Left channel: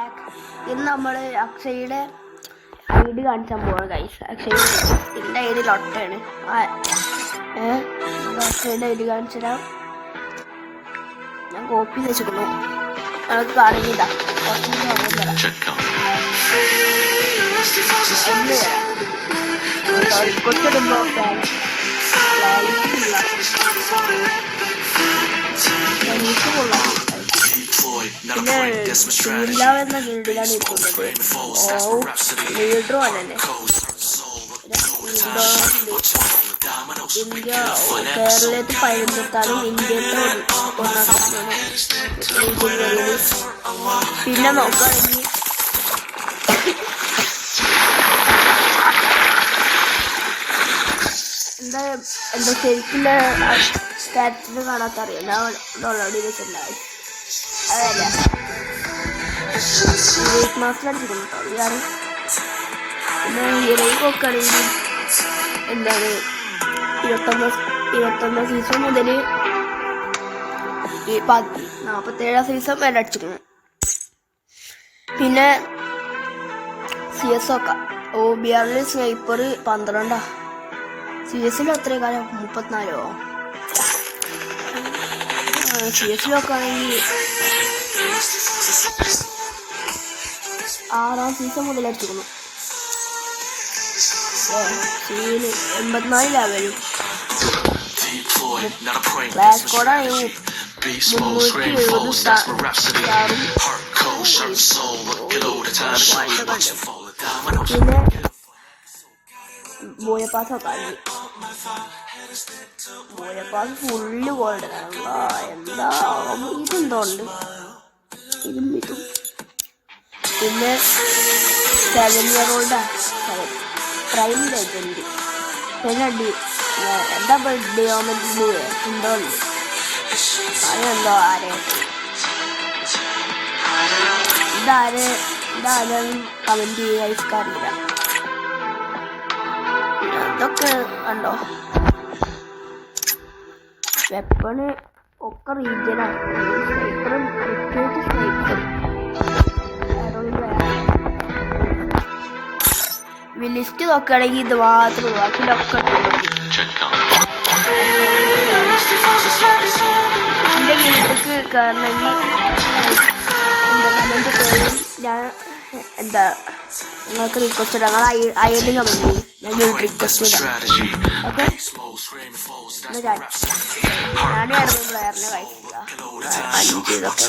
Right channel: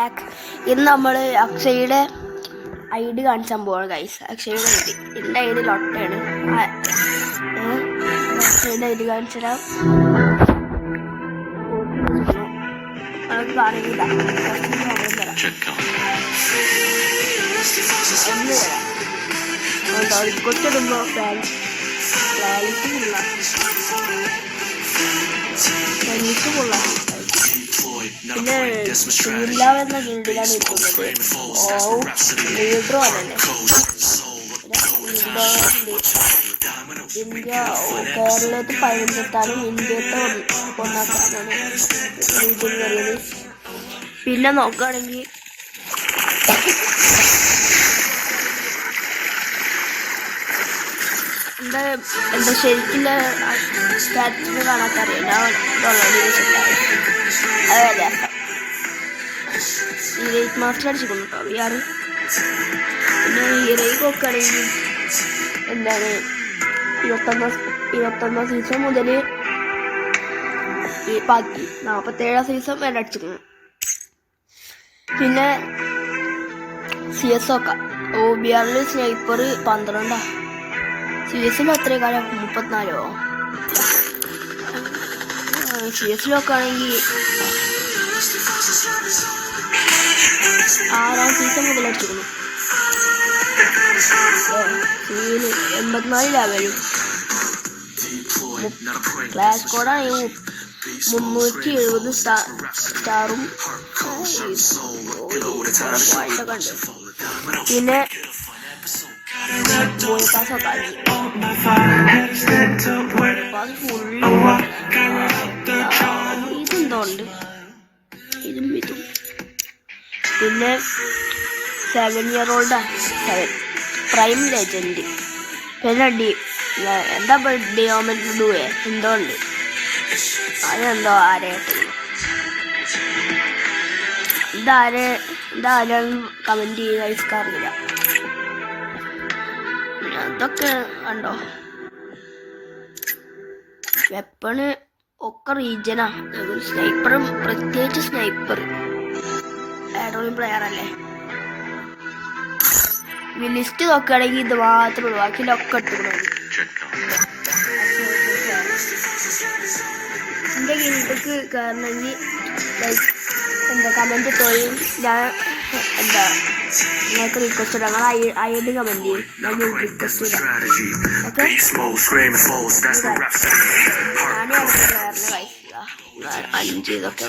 Back. ഇന്ന് നമ്മൾ അക്ഷയുടെ ID കാണിച്ചാൻ പോവാണ് ഗൈസ്. അക്ഷയുടെ എൻ്റെ ID ലൊട്ടാണ്. അക്ഷയുടെ ID കാണിച്ചുതരാം. ഞാൻ കോപ്പി വെച്ചിരിക്കുന്നു. നമുക്ക് കാണിക്കില്ല. കുറച്ച് സമയം തരാം. ഒന്ന് തരാം. കൊച്ചിടുമ്പോൾ ക്ലാരിറ്റിയില്ല. എനിക്ക് കൊള്ളാം. പിന്നെ ഷീല എന്ന ഗിൽഡിലാണ് ഇരിക്കുന്നത്. ലീഡറോ അല്ലേ ഇന്ത്യ കേരളത്തിൽ 15 ഇന്ത്യത്തെ 1 രീതിയിൽ വരുന്നത്. പിന്നെ നോക്കുകയാണെങ്കിൽ എന്താ ശരിക്കുള്ള സ്റ്റാറ്റസ് കാണാത്തറിയാം. ഞാൻ ഓൾറെഡി വെച്ചിട്ടുണ്ടായി. അതെ ഹീറോയിക് മാസ്റ്റർ അടിച്ചിരിക്കുന്നു കേട്ടോ VR. പിന്നെ ഹീറോയിക് നോക്കുകയാണെങ്കിൽ എന്താണ് 21 സീസൺ മുതൽ ഈ 47 സീസൺ വരെ അടിച്ചിരിക്കുന്നു. പിന്നെ CS നോക്കാം. OBR sniper 12. CS എത്ര കാലം 34. CS നോക്കുകയാണെങ്കിൽ 6ാം സീസൺ മുതൽ അടിച്ചിരിക്കുന്നു. 84 ലെവലും. ക്ലാഷ് കോഡാണെങ്കിൽ 370 സ്റ്റാറും. പിന്നെ ബോയപ്പാസ് നോക്കാം. ഫുള്ള് ഇതെന്തോണ്ട് ഇതും. പിന്നെ 7 year old പ്രൈം ലെജൻഡ്. പിന്നെ എന്താ ഡിയോമെന്റ് ബ്ലൂയെ എന്തോ ഉണ്ട്. അതെന്തോ ഇതാരും കമന്റ് ചെയ്യുക ഇഷ്ടറിയില്ല. അതൊക്കെ കണ്ടോ. വെപ്പണ് ഒക്കെ റീജനാ. സ്നൈപ്പറും പ്രത്യേകിച്ച് സ്നൈപ്പർ ആരോയും പ്ലെയർ അല്ലേ. ലിസ്റ്റ് നോക്കുകയാണെങ്കിൽ ഇത് മാത്രമേ ബാക്കിയിലൊക്കെ ഇട്ടുള്ളൂ. എൻ്റെ ഗിൽഡിലേക്ക് കയറണമെങ്കിൽ എന്താ കമൻറ്റ് ചെയ്യും. ഞാൻ എന്താ നിങ്ങൾക്ക് റിക്വസ്റ്റ് ഇടാം. നിങ്ങൾ ID കമൻറ്റ് ചെയ്യും. ഞാൻ റിക്വസ്റ്റ് ഇടാം. ഓക്കെ ഞാനും അടുത്ത പ്ലെയറിനെ കഴിച്ചില്ല. 5 ഇതൊക്കെ